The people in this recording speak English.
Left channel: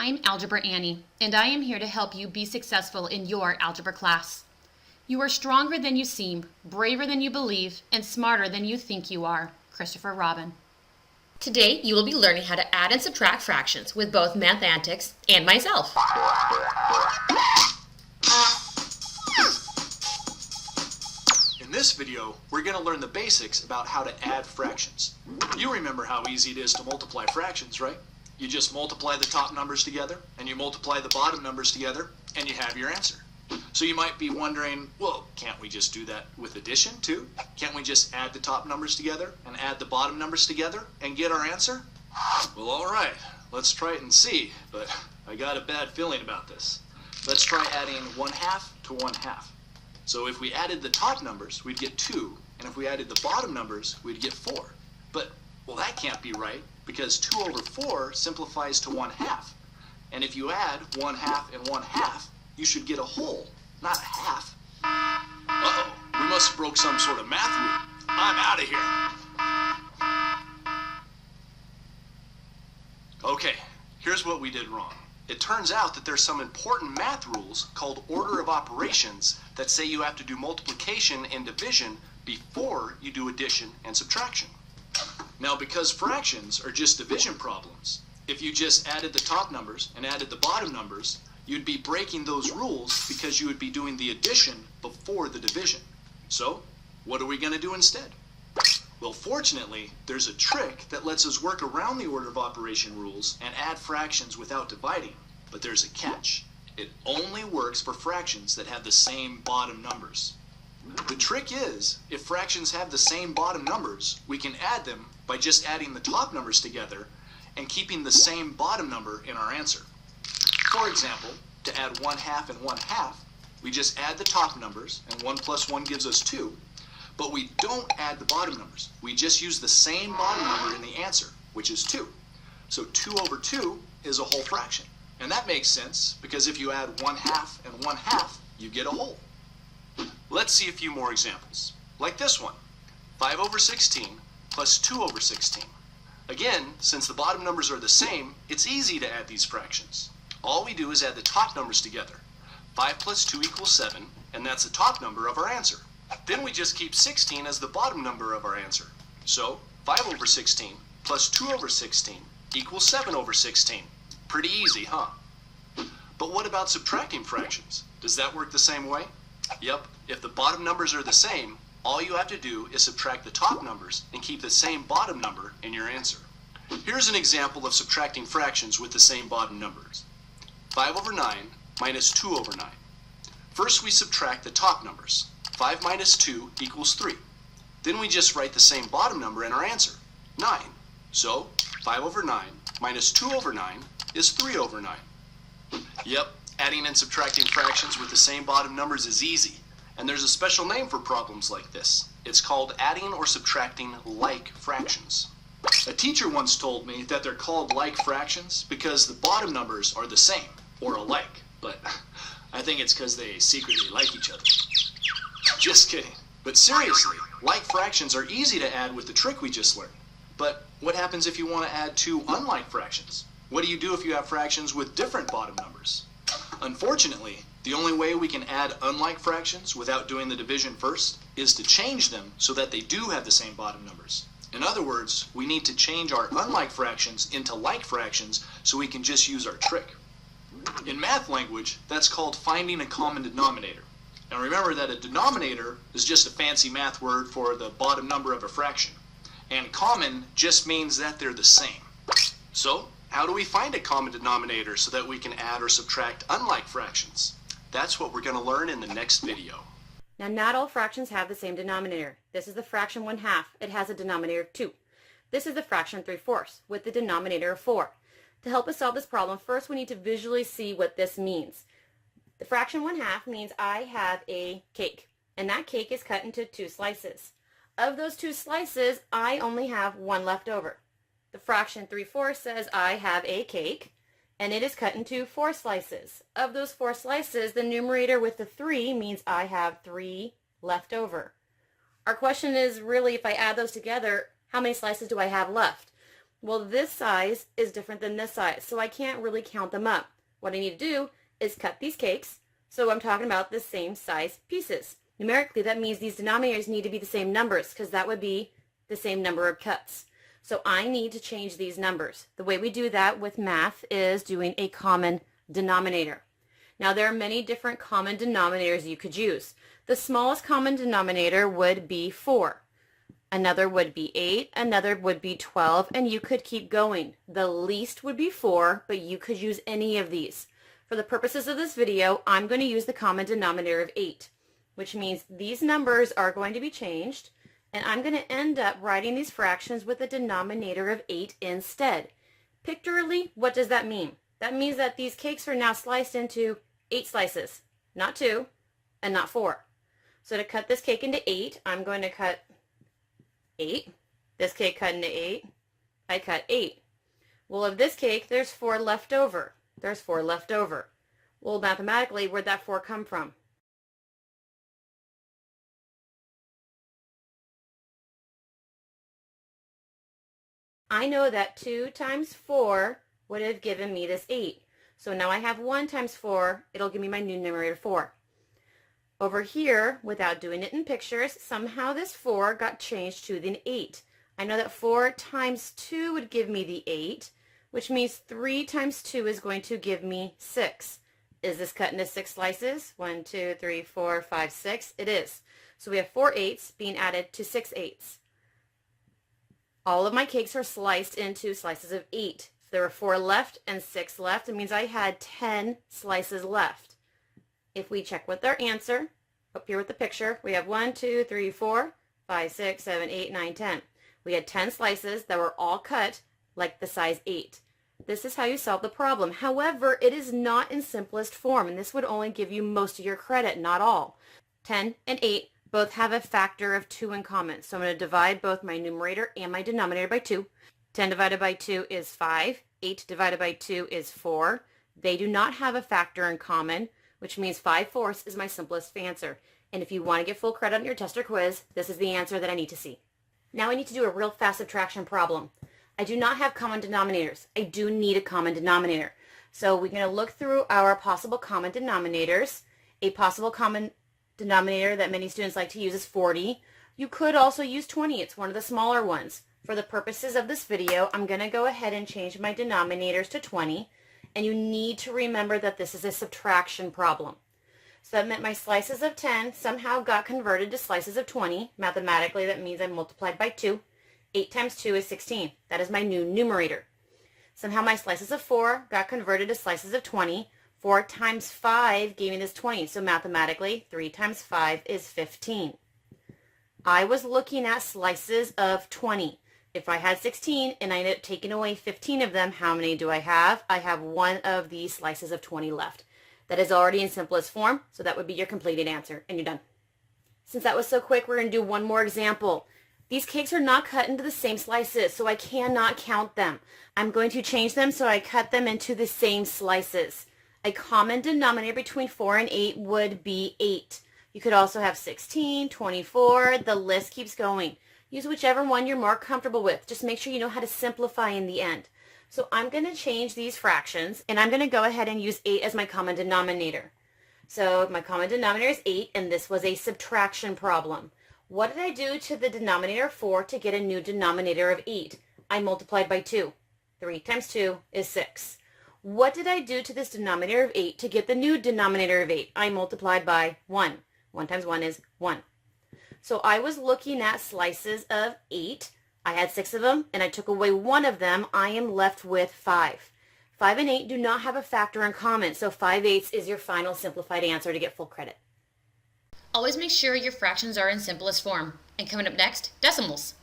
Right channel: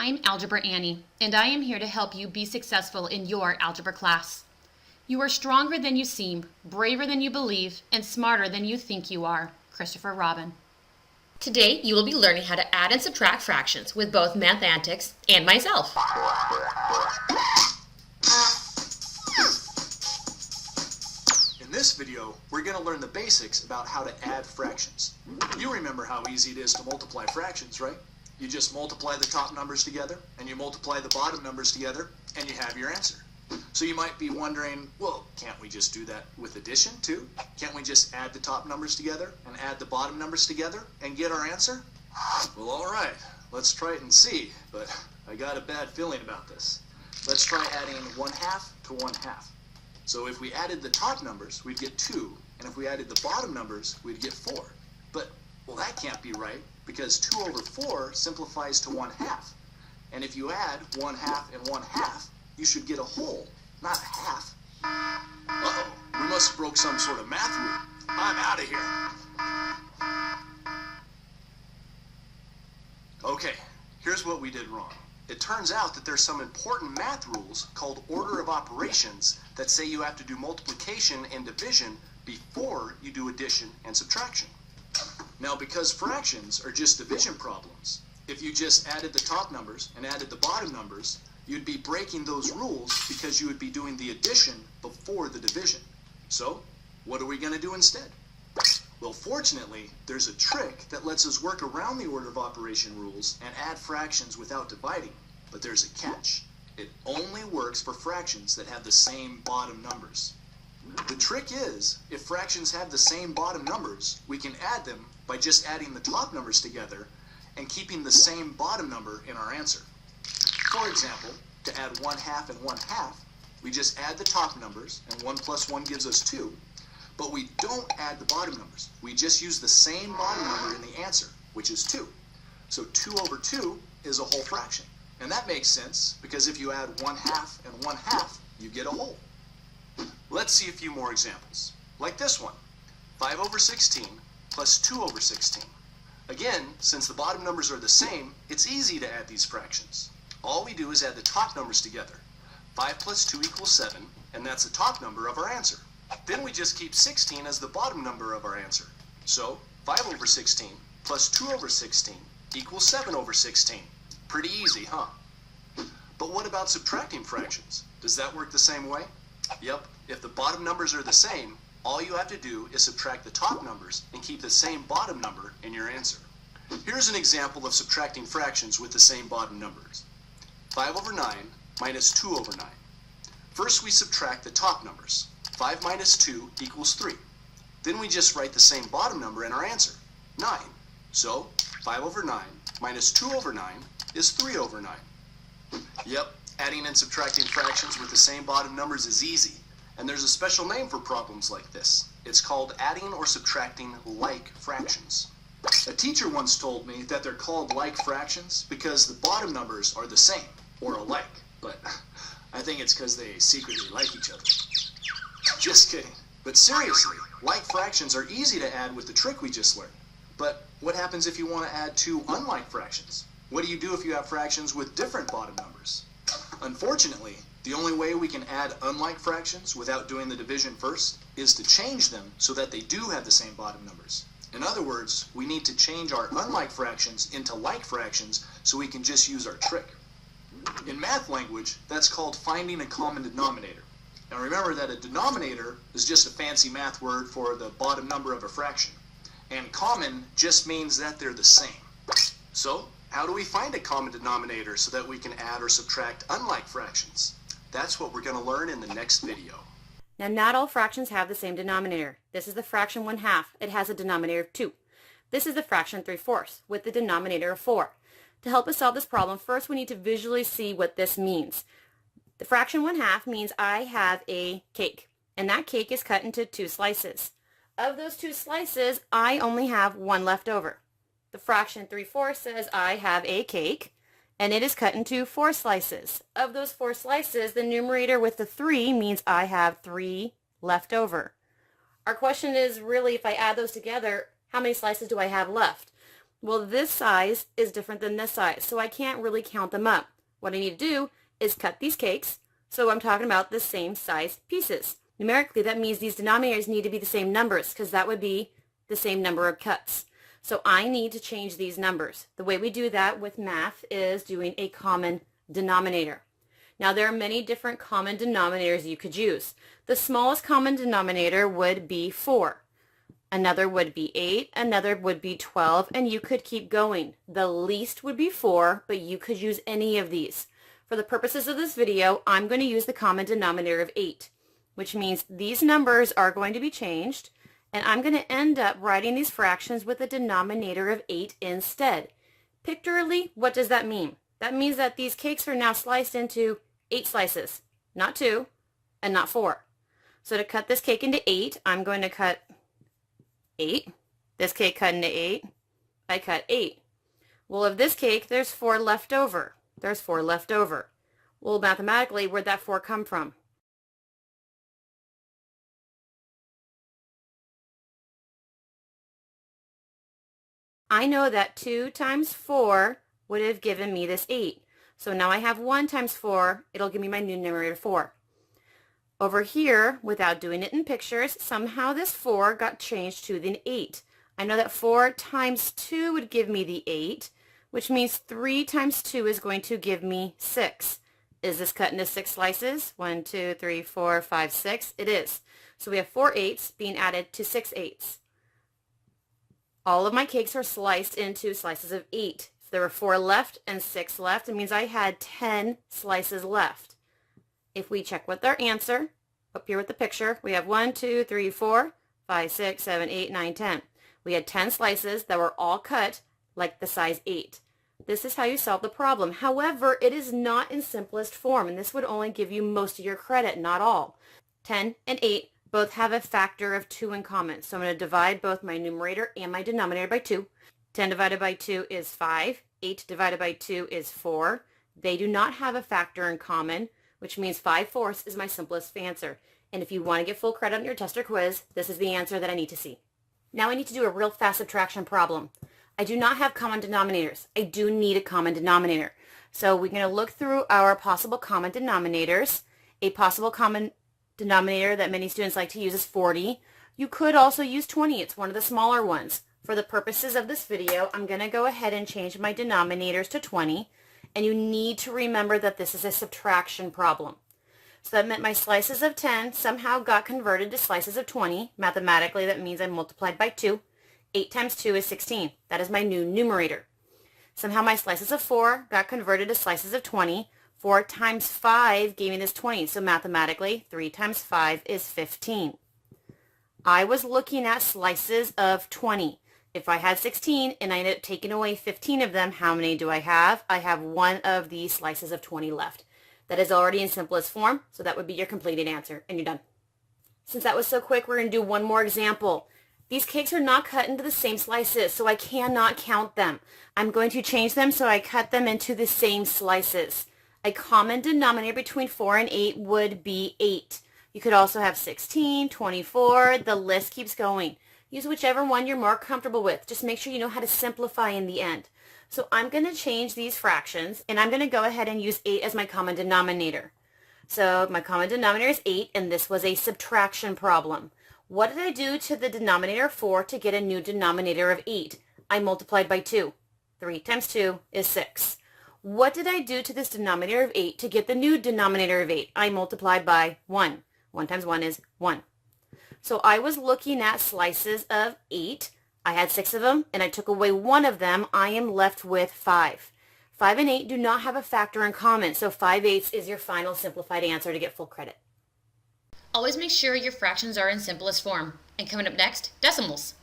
I'm Algebra Annie, and I am here to help you be successful in your algebra class. You are stronger than you seem, braver than you believe, and smarter than you think you are. Christopher Robin. Today, you will be learning how to add and subtract fractions with both Math Antics and myself. In this video, we're going to learn the basics about how to add fractions. You remember how easy it is to multiply fractions, right? You just multiply the top numbers together, and you multiply the bottom numbers together, and you have your answer. So you might be wondering, well, can't we just do that with addition too? Can't we just add the top numbers together and add the bottom numbers together and get our answer? Well, all right, let's try it and see, but I got a bad feeling about this. Let's try adding 1/2 to 1/2. So if we added the top numbers, we'd get 2, and if we added the bottom numbers, we'd get 4. But, well, that can't be right, because 2 over 4 simplifies to 1/2. And if you add 1/2 and 1/2, you should get a whole, not a half. Uh-oh, we must have broke some sort of math rule. I'm out of here. Okay, here's what we did wrong. It turns out that there's some important math rules called order of operations that say you have to do multiplication and division before you do addition and subtraction. Now, because fractions are just division problems, if you just added the top numbers and added the bottom numbers, you'd be breaking those rules because you would be doing the addition before the division. So, what are we going to do instead? Well, fortunately, there's a trick that lets us work around the order of operation rules and add fractions without dividing. But there's a catch. It only works for fractions that have the same bottom numbers. The trick is, if fractions have the same bottom numbers, we can add them by just adding the top numbers together and keeping the same bottom number in our answer. For example, to add 1/2 and 1/2, we just add the top numbers, and 1 plus 1 gives us 2. But we don't add the bottom numbers. We just use the same bottom number in the answer, which is 2. So 2 over 2 is a whole fraction. And that makes sense, because if you add 1/2 and 1/2, you get a whole. Let's see a few more examples. Like this one, 5 over 16 plus 2 over 16. Again, since the bottom numbers are the same, it's easy to add these fractions. All we do is add the top numbers together. 5 plus 2 equals 7, and that's the top number of our answer. Then we just keep 16 as the bottom number of our answer. So 5 over 16 plus 2 over 16 equals 7 over 16. Pretty easy, huh? But what about subtracting fractions? Does that work the same way? Yep, if the bottom numbers are the same, all you have to do is subtract the top numbers and keep the same bottom number in your answer. Here's an example of subtracting fractions with the same bottom numbers. 5 over 9 minus 2 over 9. First we subtract the top numbers. 5 minus 2 equals 3. Then we just write the same bottom number in our answer, 9. So 5 over 9 minus 2 over 9 is 3 over 9. Yep, adding and subtracting fractions with the same bottom numbers is easy. And there's a special name for problems like this. It's called adding or subtracting like fractions. A teacher once told me that they're called like fractions because the bottom numbers are the same, or alike. But I think it's because they secretly like each other. Just kidding. But seriously, like fractions are easy to add with the trick we just learned. But what happens if you want to add two unlike fractions? What do you do if you have fractions with different bottom numbers? Unfortunately, the only way we can add unlike fractions without doing the division first is to change them so that they do have the same bottom numbers. In other words, we need to change our unlike fractions into like fractions so we can just use our trick. In math language, that's called finding a common denominator. Now remember that a denominator is just a fancy math word for the bottom number of a fraction. And common just means that they're the same. So, how do we find a common denominator so that we can add or subtract unlike fractions? That's what we're going to learn in the next video. Now, not all fractions have the same denominator. This is the fraction 1/2. It has a denominator of 2. This is the fraction 3/4 with the denominator of 4. To help us solve this problem, first we need to visually see what this means. The fraction 1/2 means I have a cake, and that cake is cut into 2 slices. Of those 2 slices, I only have 1 left over. The fraction 3/4 says I have a cake, and it is cut into 4 slices. Of those 4 slices, the numerator with the 3 means I have 3 left over. Our question is really, if I add those together, how many slices do I have left? Well, this size is different than this size, so I can't really count them up. What I need to do is cut these cakes, so I'm talking about the same size pieces. Numerically, that means these denominators need to be the same numbers, because that would be the same number of cuts. So I need to change these numbers. The way we do that with math is doing a common denominator. Now, there are many different common denominators you could use. The smallest common denominator would be 4. Another would be 8, another would be 12, and you could keep going. The least would be 4, but you could use any of these. For the purposes of this video, I'm going to use the common denominator of 8, which means these numbers are going to be changed, and I'm going to end up writing these fractions with a denominator of 8 instead. Pictorially, what does that mean? That means that these cakes are now sliced into 8 slices, not 2, and not 4. So to cut this cake into 8, I'm going to cut 8. This cake cut into 8. I cut 8. Well, of this cake, there's 4 left over. There's 4 left over. Well, mathematically, where'd that 4 come from? I know that 2 times 4 would have given me this 8. So now I have 1 times 4. It'll give me my new numerator 4. Over here, without doing it in pictures, somehow this 4 got changed to the 8. I know that 4 times 2 would give me the 8, which means 3 times 2 is going to give me 6. Is this cut into 6 slices? 1, 2, 3, 4, 5, 6. It is. So we have 4 8s being added to 6 8s. All of my cakes are sliced into slices of 8. So there were 4 left and 6 left. It means I had 10 slices left. If we check with our answer, up here with the picture, we have 1, 2, 3, 4, 5, 6, 7, 8, 9, 10. We had 10 slices that were all cut like the size 8. This is how you solve the problem. However, it is not in simplest form, and this would only give you most of your credit, not all. 10 and 8 both have a factor of 2 in common, so I'm going to divide both my numerator and my denominator by 2. 10 divided by 2 is 5. 8 divided by 2 is 4. They do not have a factor in common, which means 5/4 is my simplest answer. And if you want to get full credit on your test or quiz, this is the answer that I need to see. Now I need to do a real fast subtraction problem. I do not have common denominators. I do need a common denominator. So we're going to look through our possible common denominators. A possible common denominator that many students like to use is 40. You could also use 20. It's one of the smaller ones. For the purposes of this video, I'm going to go ahead and change my denominators to 20. And you need to remember that this is a subtraction problem. So that meant my slices of 10 somehow got converted to slices of 20. Mathematically, that means I multiplied by 2. 8 times 2 is 16. That is my new numerator. Somehow my slices of 4 got converted to slices of 20. 4 times 5 gave me this 20. So mathematically, 3 times 5 is 15. I was looking at slices of 20. If I had 16 and I ended up taking away 15 of them, how many do I have? I have one of these slices of 20 left. That is already in simplest form, so that would be your completed answer, and you're done. Since that was so quick, we're going to do one more example. These cakes are not cut into the same slices, so I cannot count them. I'm going to change them so I cut them into the same slices. A common denominator between 4 and 8 would be 8. You could also have 16, 24, the list keeps going. Use whichever one you're more comfortable with. Just make sure you know how to simplify in the end. So I'm going to change these fractions, and I'm going to go ahead and use 8 as my common denominator. So my common denominator is 8, and this was a subtraction problem. What did I do to the denominator 4 to get a new denominator of 8? I multiplied by 2. 3 times 2 is 6. What did I do to this denominator of 8 to get the new denominator of 8? I multiplied by 1. 1 times 1 is 1. So I was looking at slices of 8. I had 6 of them, and I took away 1 of them. I am left with 5. 5 and 8 do not have a factor in common, so 5/8 is your final simplified answer to get full credit. Always make sure your fractions are in simplest form. And coming up next, decimals.